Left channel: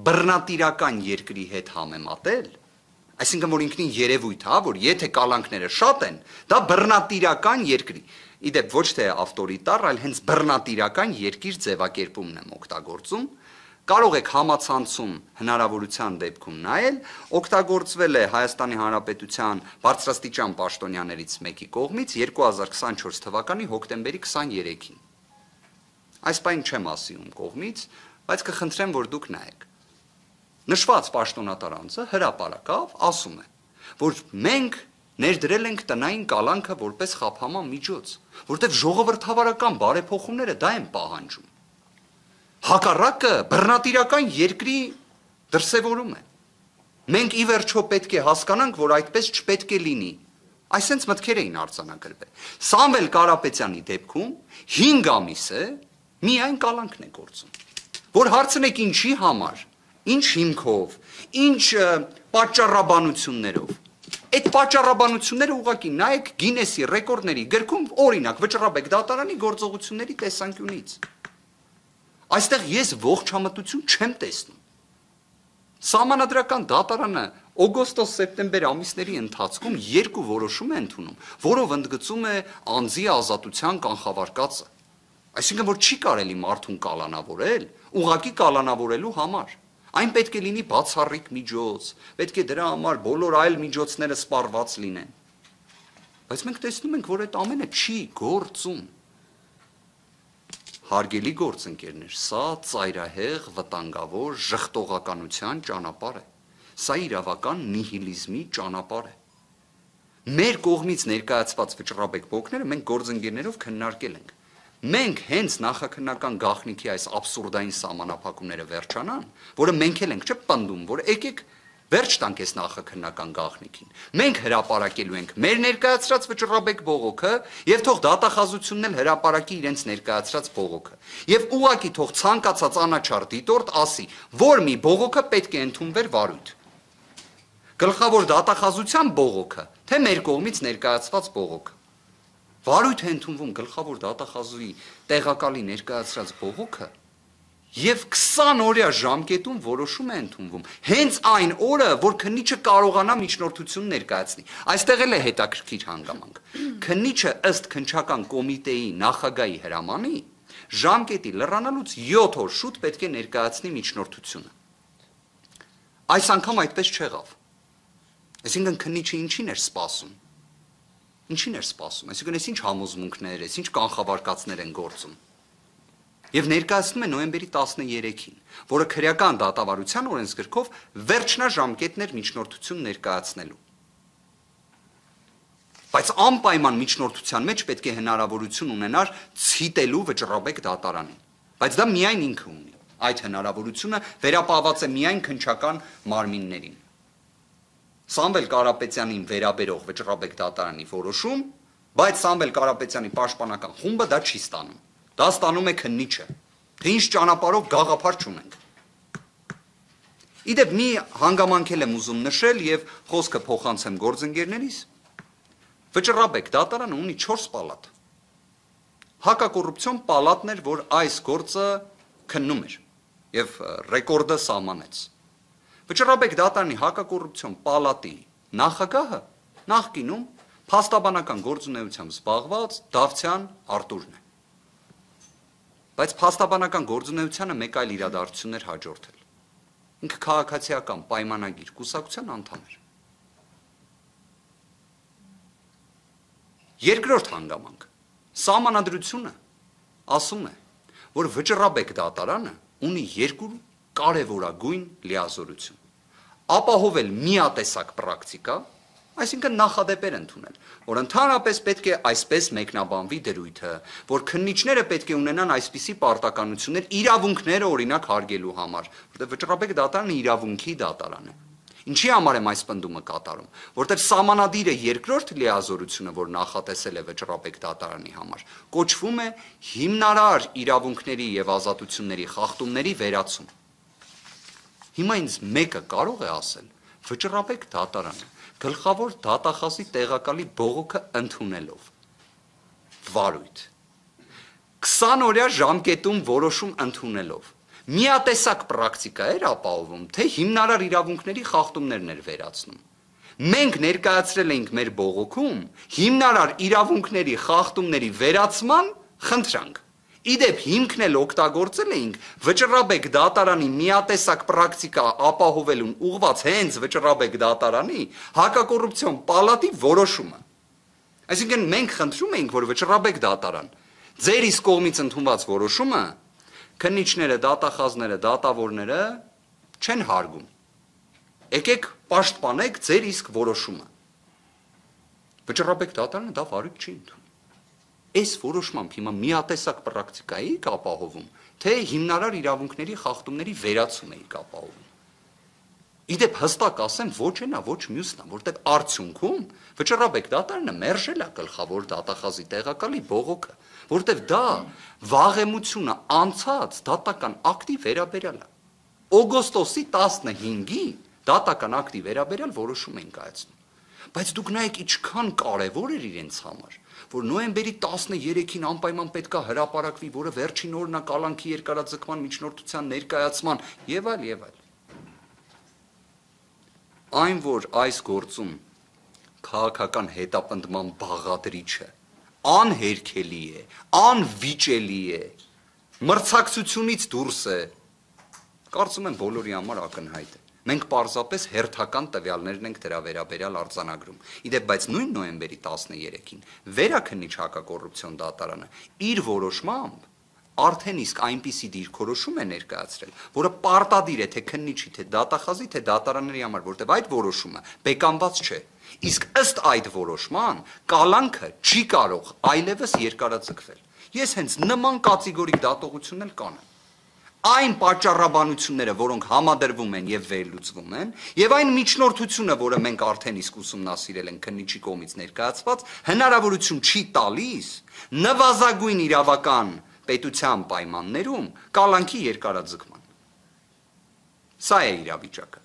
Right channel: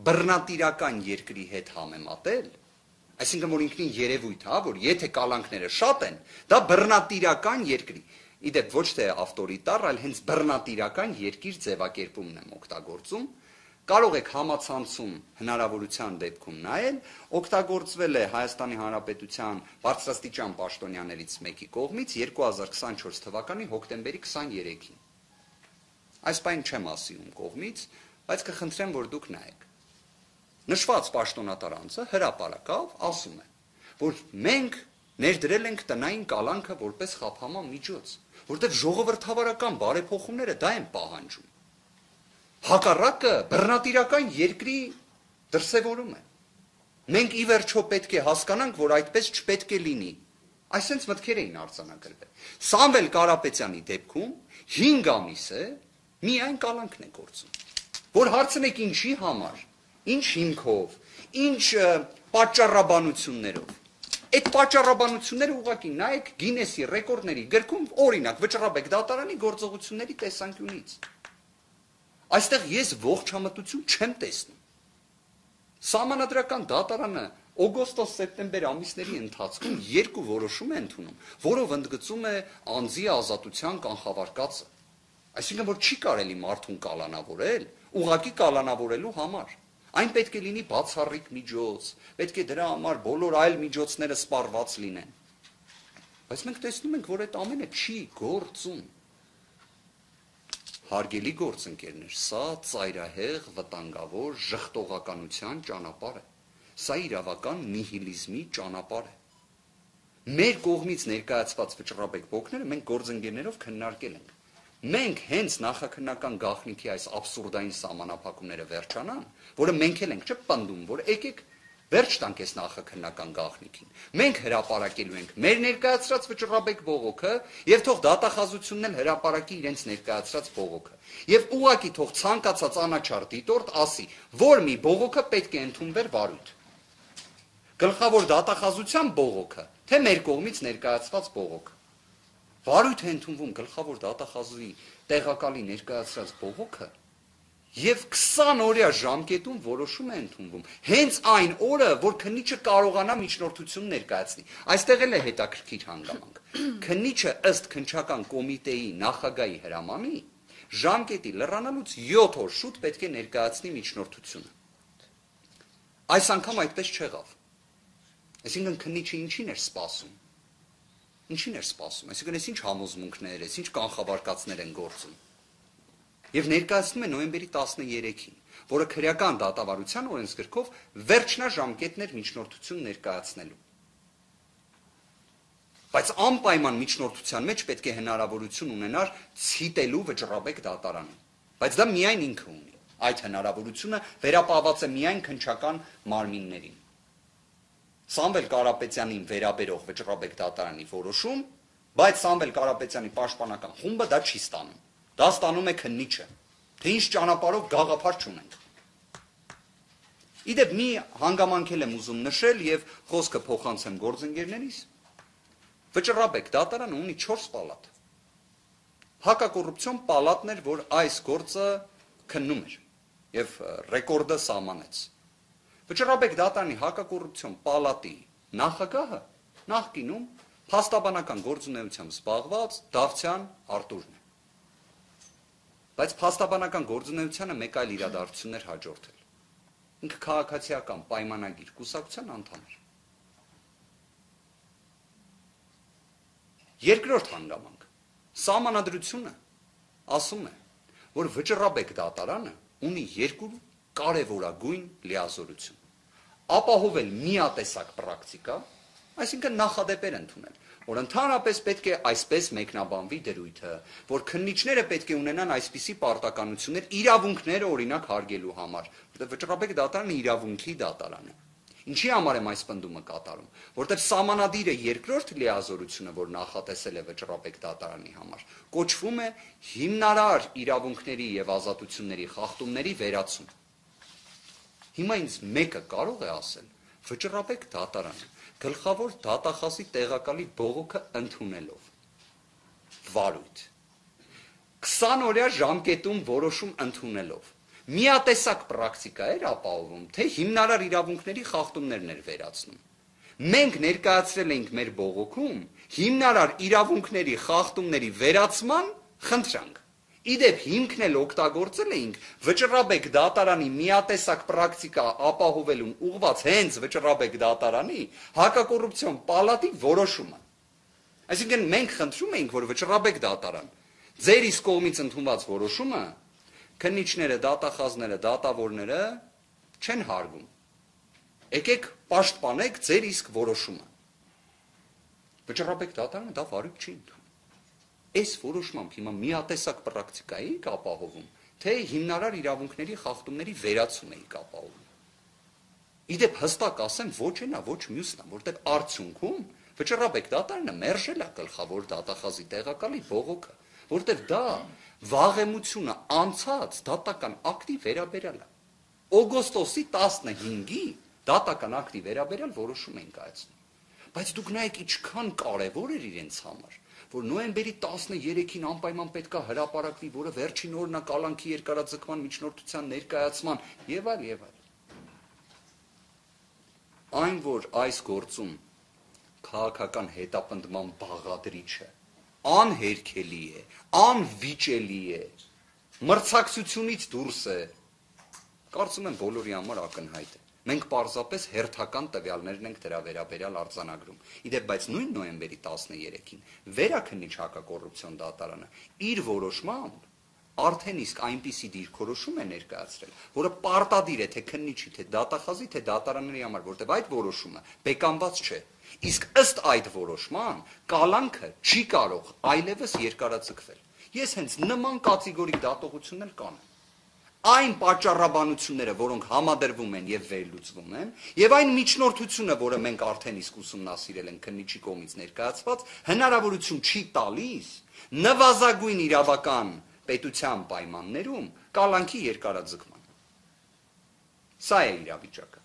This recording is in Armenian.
բռնատիրական երկրի հետ համեմատել, այսինքն որ ինքնին երևույթ, որ եթե կալանքները շատ են, դա բռնատիրական երկրի, իդեպ ոչ թե ավտորիտար, այլ հենց բռնատիրական երկիր ձևակերպումն եմ օգտագործում, կարող եք համացանցում հնարավորության դեպքում նայել, օգտագործվել է Հայաստանի Հանրապետության բարձրաստիճան պաշտոնյաներից մեկի կողմից 2024 թվականի հոկտեմբերի 23-ին։ Այս բան չեմ ասի ում կողմից, բայց կխնդրեմ, որ դուք նայեք։ Նշված պաշտոնատար անձը հրապարակավ ասում է, որ մենք ներդրել ենք տնային կալանքը որպես խափանման միջոց, որտեղ ժողովրդավարական բարեփոխումները դա են պահանջում։ Հակառակը բռնատիրական երկրի դրսևորում է։ Մենք ի վերջո պետք է հասկանանք, որ այդպես չպետք է լինի։ Այսենց մտքեր էին արձանագրվել։ Սամվել Կարապետյանի դեպքում 5 ամիս է միայն կալանքն է գործում։ Որ հարցնեք ինչի համար, ինչ հիմքով, ինչ պատճառաբանություններով։ Այդ պատճառաբանությունները ուղղակի նայեք Գինեսի ռեկորդների գրքում, օրինակ Վճռաբեկ դատարանի գործողությունների տեսանկյունից։ Այստեղ ես ողջամտություն չեմ տեսնում։ Սահմանադրական դատարանը օգոստոս-սեպտեմբեր ամիսների ընթացքում 2 որոշում է ընդունում, որով ընդգծում է անձի ազատության կանխավարկածը։ Այսինքն որ չի կարելի մարդուն կալանավորել, ուղղակի կալանավորելու համար։ Այն պետք է լինի բացառիկ միջոց, պետք է դրա համար բոլոր այլ միջոցները սպառված լինեն։ Բայց մենք տեսնում ենք, որ այդ ամենը չի գործում։ Հարգելի գործընկերներ, սա ծայրահեղ, վտանգավոր ժխտողականության ճանապարհ է։ Սա իրավական նիհիլիզմի ճանապարհ է։ Մեր կողմից ներկայացված Վճռաբեկ բոկները մենք գործընկերներով քննարկել ենք։ Մենք հենց նախաքննական գաղտնիքի այս աբսուրդային սահմանափակումները վերջանան, որը մենք էլ ենք չպնդում, որ եկեք վերջ տանք այս նախաքննական գաղտնիքին։ Մենք հրապարակելու ենք մեր ներկայացրած Վճռաբեկ բողոքը եւ թող դատախազությունն էլ հրապարակի իրենց ներկայացրած բողոքը։ Եվ ուղղակի թող ցանկացած անաչառ դիտորդ ասի, որ մի բողոքը պետք է ընդունվեր վարույթ։ Գլխավոր դատախազության բողոքը, թե մեր կողմից ներկայացված բողոքը։ Վարույթ է ընդունվում գլխավոր դատախազուի տեղակալի ներկայացրած բողոքը եւ 20 օրյա ժամկետում որոշում է ընդունվում։ Հենց այն օրը, որ քննիչը կարողանա միջնորդություն ներկայացնի։ Այստեղ էլ է հետաքրքիր հանգամանք։ Քննիչը ըստ քննչական կոմիտեի նախագահի հրամանի ժամկետի լրանալուց 7 օր շուտ պետք է ներկայացնի միջնորդությունը։ Այս անգամ այդպես չեղավ։ Այսինքն քննիչը ինչին էր սպասում։ Ինչին էր սպասում, այսինքն այս ինչ համոզմունքներ, այս ինչ կանխավարկածներ են գործում։ Եվ ներկայացնում է նոյեմբերի 13-ին, որը քրեական դատավարության օրենսգրքով վերջնաժամկետներ միջնորդություն ներկայացնելու։ Բայց անպայման միջնորդության մեջ պետք է հնարավորություն ունենար ցիտելու Վճռաբեկ դատարանին։ Բայց դա միայն ինքը ունի։ Այդ հնարավորությունը վերապահված է միայն քննչական մարմիններին։ Սամվել Կարապետյանին վերաբերող Վճռաբեկ դատարանի որոշում, բայց Սամվել Կարապետյանի պաշտպանական խումբը դա չի ստանում։ Դա ստանում է քննիչը։ Թե ինչ ճանապարհով գաղափար չունենք։ Իդեպ մի հանգամանքել եմ ուզում նշել եւ խոսքը փոխանցեմ գործընկերներիս։ Վճռաբեկ դատարանը ունի 4 պալատ։ Հակակոռուպցիոն պալատն էր, որ այս գործը քննում էր եւ ռեկորդը սահմանեց։ Վճռաբեկ դատարանի հակակոռուպցիոն պալատի նախագահը նախկինում փաստաբանական գործունեությամբ զբաղված Դավթյան Արտուրն է։ Բայց փաստաբանական գործունեությանը մեկ այլ իրադարձություն էր հաջորդել։ Ինքը քաղաքացիական պայմանագիր կուսակցության անդամ էր։ Երկրորդ հանգամանք։ Սահմանադրությունը ասում է, որ Վճռաբեկ դատարանը ունի 2 կարևորագույն լիազորություն։ Ապահովել միատեսակ պրակտիկա, այսինքն նախադեպեր ընդունել, որ ընդհանրապես պետք է այսպես մեկնաբանվի դրույթը, որ քննիչները պետք է ունենան այսպիսի պարտականություններ իրավունքները օրինակ հարգելու համար, որտեղ Վճռաբեկ դատարանը իրավունքի դատարան է։ Ինչի համար եմ այս պնդումը կատարում, որտեղ սահմանադիրը երկրորդ լիազորությունը, որ նախատեսել է Վճռաբեկ դատարանի համար, կոչվում է հիմնարար իրավունքների եւ ազատությունների խախտումների վերացում։ Հիմա ինձ մեկը կարող է ասել, Վճռաբեկ դատարանը գլխավոր դատախազի տեղակալի բողոքը ընդունելով վարույթ 20 օրյա ժամկետում որոշում ընդունելով միատեսակ պրակտիկա էր ապահովում, թե հիմնարար իրավունքների խախտումներն էր վերացնում։ Մենք ներկայացրել էինք մեր բողոքում հիմնարար իրավունքների խախտումների վերացման խնդրանք։ Իդեպ հիմքն էլ օգտագործել էինք Վճռաբեկ դատարանի միատեսակ պրակտիկա ապահովելուն ուղղված հենց Վճռաբեկ դատարանի հակակոռուպցիոն պալատի որոշումը։ Այսինքն մենք խնդրում էինք, որ Վճռաբեկ դատարան ձեր իսկ կողմից ընդունված որոշումը քննիչները, դատախազները, դատավորները չեն հարգում։ Եկեք պաշտպանեք ձեր իսկ որոշումը։ Վճռաբեկ դատարանը դա վարույթ չի ընդունում։ Այս որոշմամբ հիմա միատեսակ պրակտիկայի ապահովում, թե հիմնարար իրավունքների խախտումների վերացում էի ապահովում։ Իդեպ հստակ ասեմ, ոչ էնա, ոչ մյուսն է, որտեղ արդյունքում Վճռաբեկ դատարանը մերժել է գլխավոր դատախազի տեղակալի բողոքը, որտեղ դա վաղեմությունը անցած դատական ակտի վերաբերյալ է։ Օգոստոսի 15-ի դատական ակտի վերաբերյալ որոշում են կայացնում։ Բայց դուք նայեք ինչքան կարևոր էր իրենց համար, որ նոյեմբերի 13-ին անպայման պետք է հրապարակվի, որը վերջին օրն է կալանքի երկարաձգման միջնորդության ներկայացման եւ այլ։ Այն, որ այս գործում քաղաքական հետապնդման բաղադրիչը անհերքելի է, անվիճելի է, մրցակցությունից դուրս է, կարծում եմ բոլորի համար ակնհայտ է։ Մենք պարզապես հերթական տվյալներն ենք դրա վերաբերյալ արձանագրում։ Իդեպ, բայց նույն նոյեմբերի 13-ին վերաքննիչ հակակոռուպցիոն դատարանը իր որոշմամբ արդեն իսկ այնպիսի դիրքորոշում է ներկայացրել, որը պարտադիր է թե քննիչի, թե դատախազի, թե դատարանների համար, որտեղ այդ որոշումը բեկանված չէ։ Իսկ ըստ այդ որոշման կալանքը չի կարող այլևս երկարաձգվել։ Ես հենց նման կատեգորիկ դատողություն էլ կանեմ։ Այն պատճառաբանությունները, որոնք համադրվում են եւ վերլուծվում են, եւ այն միջնորդությունը, որը մենք արդեն իսկ ուսումնասիրել ենք քննիչի կողմից ներկայացված, հնարավորություն չի տալիս նվազագույն իրավական պետության պայմաններում կալանքի երկարաձգման։ Սա է իրավիճակը։